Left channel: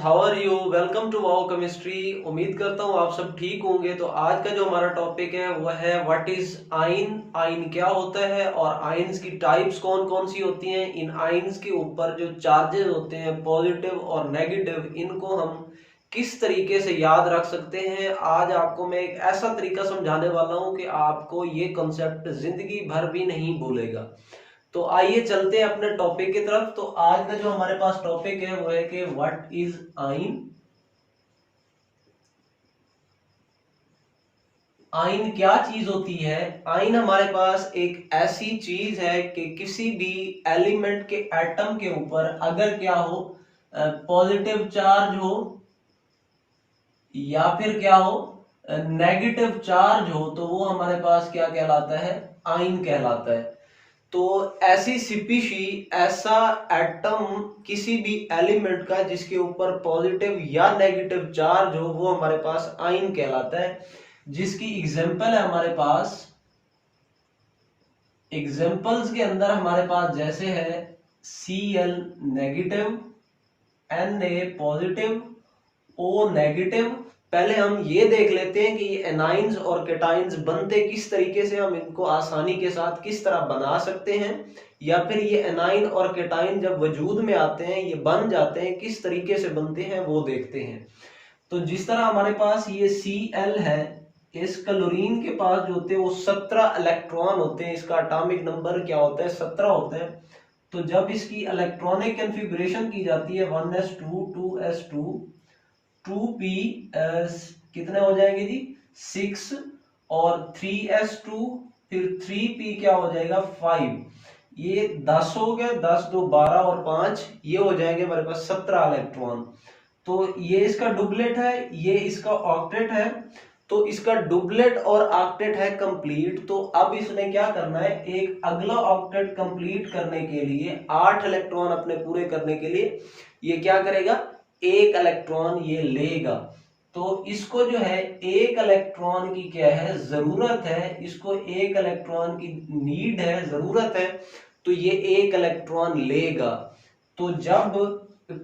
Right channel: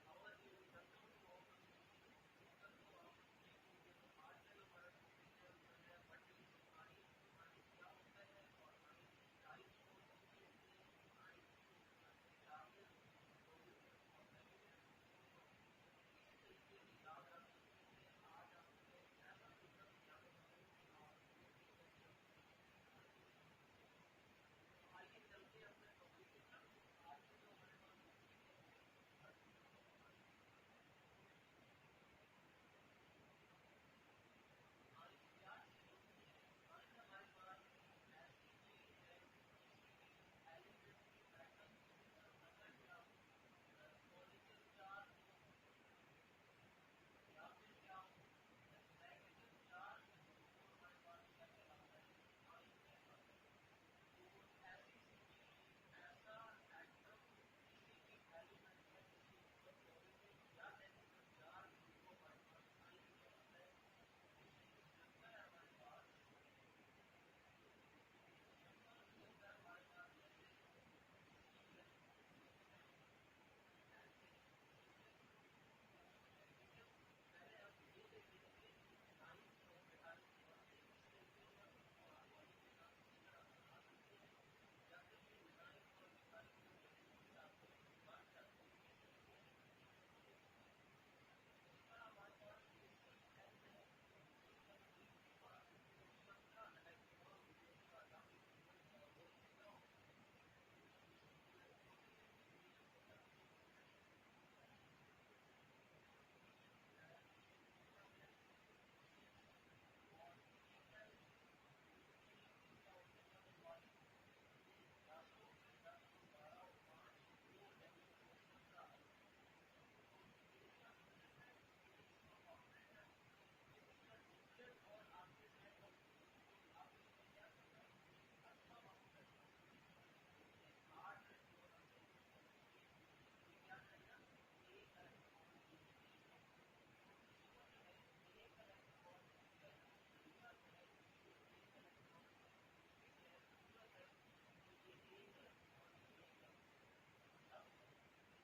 How are you. Welcome to wow chemistry. उम्मीद करता हूँ आप सब ठीक होंगे। तो आज का जो हमारा टॉपिक है वह है व्हाट इज आयन। आयन क्या होता है और आयन्स की टाइप्स कौन कौन सी होती हैं। इन आयन्स के ऊपर जो चार्जेस होते हैं पॉजिटिव और नेगेटिव, इनको हम किस तरीके से याद रख सकते हैं। आज आपको मैं एक ऐसा तरीका समझाने वाला हूँ कि आपको ये कॉन्सेप्ट जिंदगी भर भी नहीं भूलेगा। तो आइए चलते हैं अपने टॉपिक की तरफ। तो आज का जो हमारे पास टॉपिक है वो है कि व्हाट इज आइन। आइन क्या चीज होती है। आइन हमारे पास एक ऐसी चीज है कि किसी भी एलिमेंट के एटम के ऊपर अगर क्या हो, पॉजिटिव चार्ज हो या फिर क्या हो, नेगेटिव चार्ज हो, तो वो हमारे पास क्या कहलाता है, आइन कहलाता है। तो ऐसी स्पीशी, ऐसा एटम किसी भी एलिमेंट का जिसके ऊपर पॉजिटिव या नेगेटिव चार्ज हो, वो हमारे पास आयन कहलाता है। जिसकी एग्जांपल है हमारे पास, एग्जांपल्स के अंदर हमारे पास जैसे है Cl negative, Na positive, O negative. पहले हम ये देख लेते हैं कि ये एनाइंस और केटाइंस बनते किस तरीके से, हम इनको आसानी के साथ किस तरह बना सकते हैं, या फिर ये एनाइन और केटाइन जब वजूद में आते हैं, ये बन जाते हैं, किस तरीके से बनते हैं वो देखते हैं। तो जिस तरह हमारे पास ये Cl है, इस क्लोरीन के पास जो होते हैं वो 17 इलेक्ट्रॉन होते हैं। इसका एटॉमिक नंबर क्या होता है, 17 होता है। तो जब इसकी इलेक्ट्रॉनिक कॉन्फ़िगरेशन की जाती है 1s2 2s2 2p, कितने हो जाएंगे जी, 6, और 3s2 फिर 3p क्या हो जाएगा 5। ये 10 हो गया, 10 2 12 और 5, ये हो जाएंगे हमारे पास 17 इलेक्ट्रॉन। तो ये इसका डुप्लेट है, ये इसका ऑक्टेट है। तो इसका डुप्लेट और ऑक्टेट है कंप्लीट। तो अब इसने क्या करना है, एक अगला ऑक्टेट कंप्लीट करने के लिए, 8 इलेक्ट्रॉन अपने पूरे करने के लिए ये क्या करेगा, एक इलेक्ट्रॉन ये लेगा। तो इसको जो है एक इलेक्ट्रॉन की क्या है, जरूरत है। इसको एक इलेक्ट्रॉन की नीड है, जरूरत है। तो ये एक इलेक्ट्रॉन लेगा। तो जब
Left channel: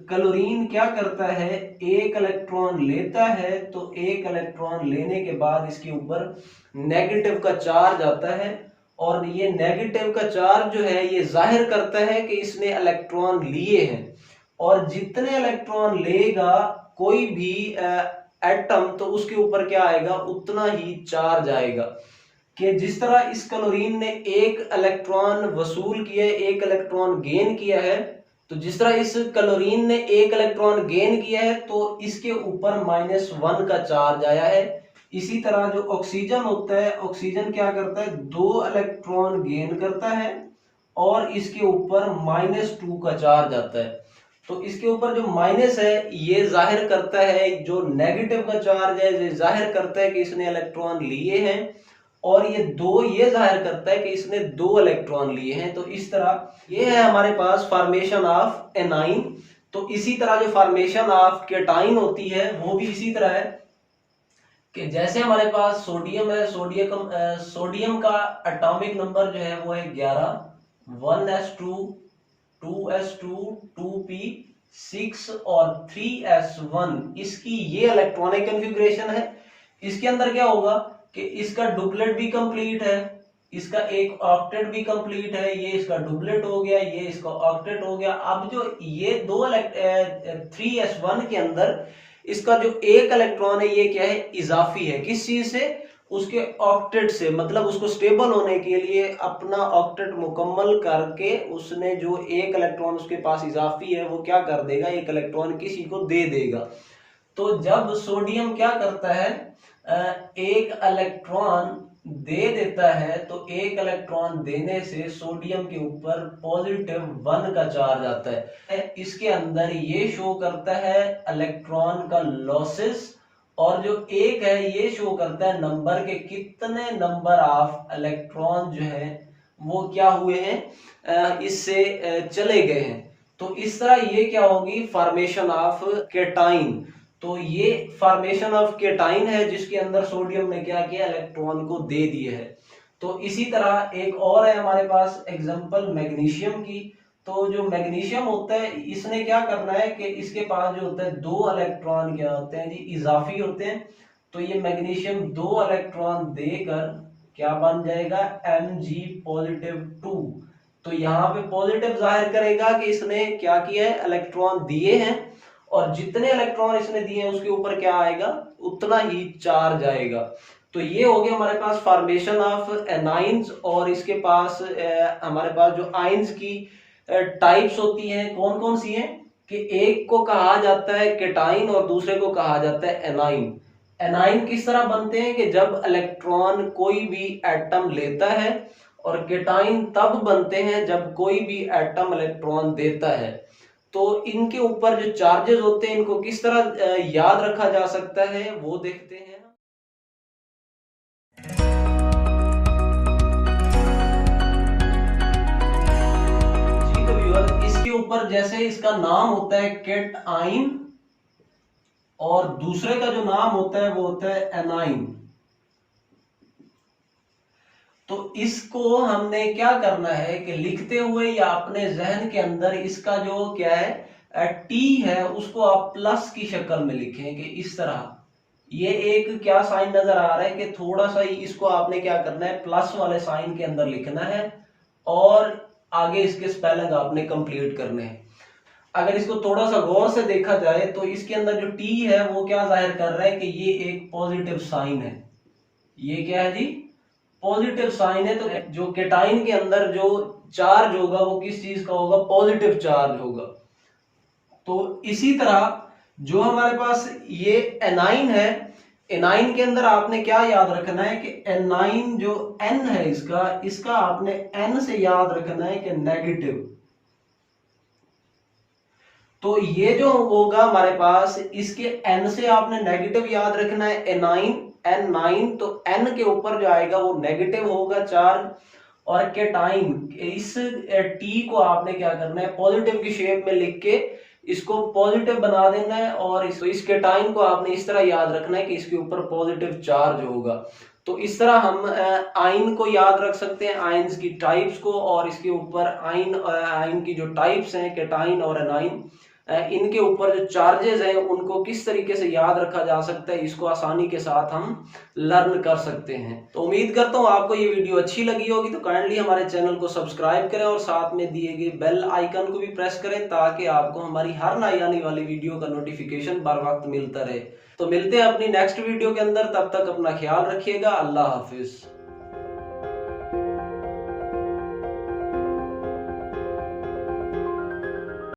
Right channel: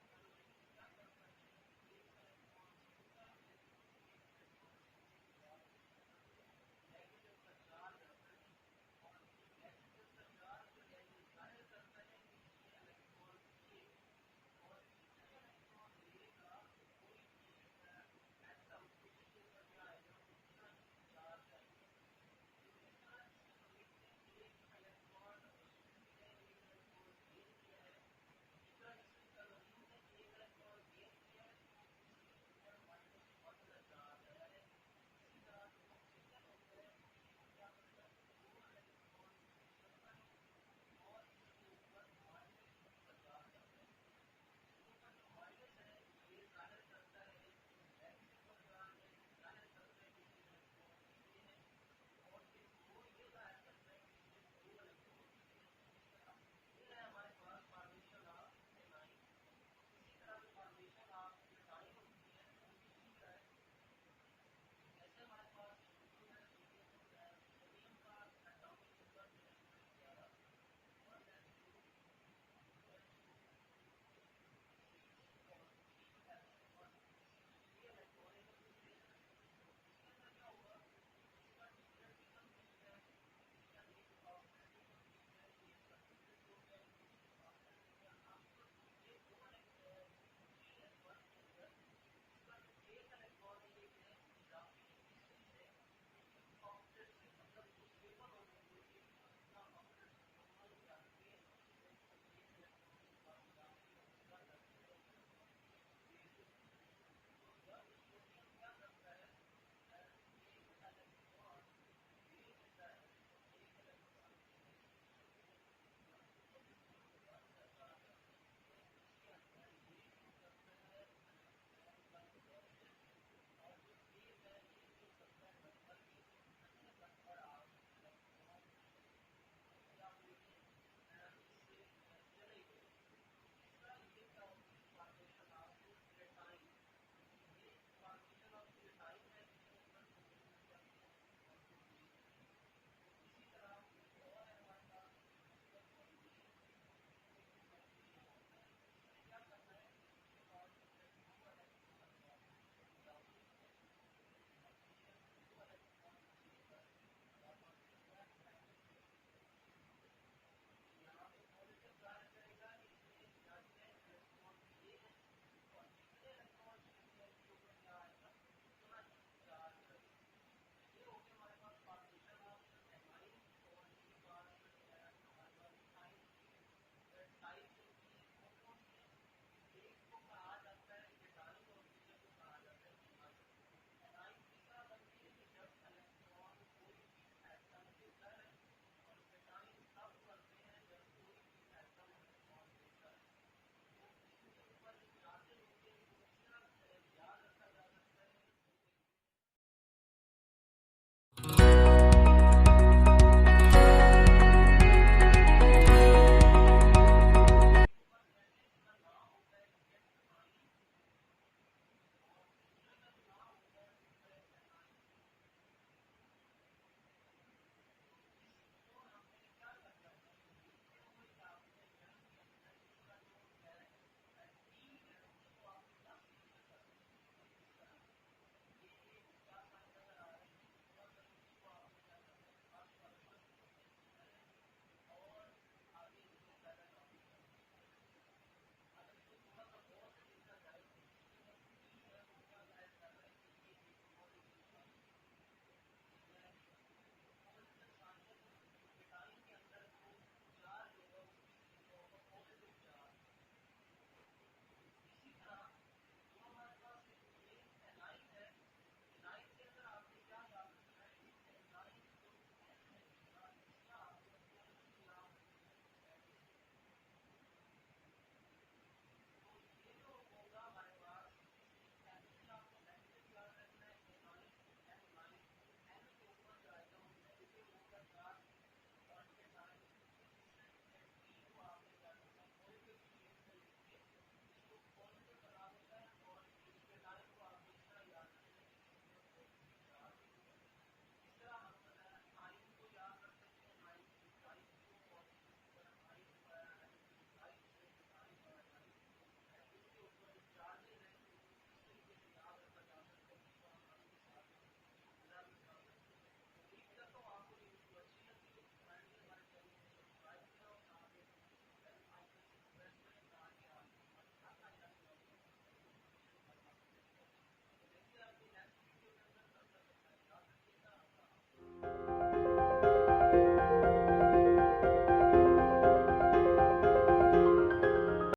क्लोरीन क्या करता है, एक इलेक्ट्रॉन लेता है, तो एक इलेक्ट्रॉन लेने के बाद इसके ऊपर नेगेटिव का चार्ज आता है। और ये नेगेटिव का चार्ज जो है ये जाहिर करता है कि इसने इलेक्ट्रॉन लिए हैं। और जितने इलेक्ट्रॉन लेगा कोई भी एटम, तो उसके ऊपर क्या आएगा, उतना ही चार्ज आएगा। कि जिस तरह इस क्लोरीन ने एक इलेक्ट्रॉन वसूल किया है, एक इलेक्ट्रॉन गेन किया है, तो जिस तरह इस क्लोरीन ने एक इलेक्ट्रॉन गेन किया है तो इसके ऊपर -1 का चार्ज आया है। इसी तरह जो ऑक्सीजन होता है, ऑक्सीजन क्या करता है, 2 इलेक्ट्रॉन गेन करता है और इसके ऊपर -2 का चार्ज आता है। तो इसके ऊपर जो माइनस है ये जाहिर करता है, जो नेगेटिव का चार्ज है ये जाहिर करता है कि इसने इलेक्ट्रॉन लिए हैं। और ये दो ये जाहिर करता है कि इसने 2 इलेक्ट्रॉन लिए हैं। तो इस तरह ये है हमारे पास फॉर्मेशन ऑफ एनाइन। तो इसी तरह जो फॉर्मेशन ऑफ केटाइन होती है वो भी इसी तरह है कि जैसे हमारे पास सोडियम है, सोडियम का एटॉमिक नंबर जो है वो है 11, 1s2 2s2 2p 6 और 3s1। इसकी ये इलेक्ट्रॉनिक कॉन्फ़िगरेशन है। इसके अंदर क्या होगा कि इसका डुप्लेट भी कंप्लीट है, इसका एक ऑक्टेट भी कंप्लीट है। ये इसका डुप्लेट हो गया, ये इसका ऑक्टेट हो गया। अब जो ये 3s1 के अंदर इसका जो एक इलेक्ट्रॉन है ये क्या है, इजाफी है। किस चीज से, उसके ऑक्टेट से। मतलब उसको स्टेबल होने के लिए अपना ऑक्टेट मुकम्मल करके उसने जो एक इलेक्ट्रॉन उसके पास इजाफी है वो क्या कर देगा, एक इलेक्ट्रॉन किसी को दे देगा। तो जब सोडियम क्या करता है, एक इलेक्ट्रॉन दे देता है, तो एक इलेक्ट्रॉन देने से सोडियम के ऊपर +1 का चार्ज आता है। इसके अंदर ये शो करता है इलेक्ट्रॉन का लॉसेस, और जो एक है ये शो करता है नंबर के, कितने नंबर ऑफ इलेक्ट्रॉन जो है वो क्या हुए हैं, इससे चले गए हैं। तो इस तरह ये क्या होगी, फॉर्मेशन ऑफ केटाइन। तो ये फॉर्मेशन ऑफ केटाइन है जिसके अंदर सोडियम ने क्या किया, इलेक्ट्रॉन को दे दिए है। तो इसी तरह एक और है हमारे पास एग्जांपल मैग्नीशियम की। तो जो मैग्नीशियम होता है इसने क्या करना है कि इसके पास जो होता है 2 इलेक्ट्रॉन क्या होते हैं जी, इजाफी होते हैं। तो ये मैग्नीशियम 2 इलेक्ट्रॉन देकर क्या बन जाएगा, Mg+2। तो यहाँ पे पॉजिटिव जाहिर करेगा कि इसने क्या किया है, इलेक्ट्रॉन दिए हैं, और जितने इलेक्ट्रॉन इसने दिए हैं उसके ऊपर क्या आएगा, उतना ही चार्ज आएगा। तो ये हो गया हमारे पास फॉर्मेशन ऑफ एनाइंस। और इसके पास हमारे पास जो आइंस की टाइप्स होती हैं कौन कौन सी हैं, कि एक को कहा जाता है केटाइन और दूसरे को कहा जाता है एनाइन। एनाइन किस तरह बनते हैं कि जब इलेक्ट्रॉन कोई भी एटम लेता है, और केटाइन तब बनते हैं जब कोई भी एटम इलेक्ट्रॉन देता है। तो इनके ऊपर जो चार्जेस होते हैं इनको किस तरह याद रखा जा सकता है वो देखते हैं। इसके ऊपर जैसे इसका नाम होता है केटाइन, और दूसरे का जो नाम होता है वो होता है एनाइन। तो इसको हमने क्या करना है कि लिखते हुए या अपने जहन के अंदर इसका जो क्या है टी है उसको आप प्लस की शक्ल में लिखें कि इस तरह। ये एक क्या साइन नजर आ रहा है कि थोड़ा सा ही इसको आपने क्या करना है, प्लस वाले साइन के अंदर लिखना है, और आगे इसके स्पेलिंग आपने कंप्लीट करने हैं। अगर इसको थोड़ा सा गौर से देखा जाए तो इसके अंदर जो टी है वो क्या जाहिर कर रहा है कि ये एक पॉजिटिव साइन है। ये क्या है जी, पॉजिटिव साइन है। तो जो केटाइन के अंदर जो चार्ज होगा वो किस चीज का होगा, पॉजिटिव चार्ज होगा। तो इसी तरह जो हमारे पास ये एनाइन है, एनाइन के अंदर आपने क्या याद रखना है कि एनाइन जो एन है इसका आपने एन से याद रखना है कि नेगेटिव। तो ये जो होगा हमारे पास, इसके एन से आपने नेगेटिव याद रखना है, एनाइन N9। तो N के ऊपर जो आएगा वो नेगेटिव होगा चार्ज, और केटाइन इस T को आपने क्या करना है, पॉजिटिव की शेप में लिख के इसको पॉजिटिव बना देना है, और इस केटाइन को आपने इस तरह याद रखना है कि इसके ऊपर पॉजिटिव चार्ज होगा। तो इस तरह हम आइन को याद रख सकते हैं, आइंस की टाइप्स को, और इसके ऊपर आइन की जो टाइप्स हैं केटाइन और एनाइन, इनके ऊपर जो चार्जेस हैं उनको किस तरीके से याद रखा जा सकता है, इसको आसानी के साथ हम लर्न कर सकते हैं। तो उम्मीद करता हूँ आपको ये वीडियो अच्छी लगी होगी। तो काइंडली हमारे चैनल को सब्सक्राइब करें और साथ में दिए गए बेल आइकन को भी प्रेस करें, ताकि आपको हमारी हर नई आने वाली वीडियो का नोटिफिकेशन बर वक्त मिलता रहे। तो मिलते हैं अपनी नेक्स्ट वीडियो के अंदर, तब तक अपना ख्याल रखिएगा। अल्लाह हाफिज।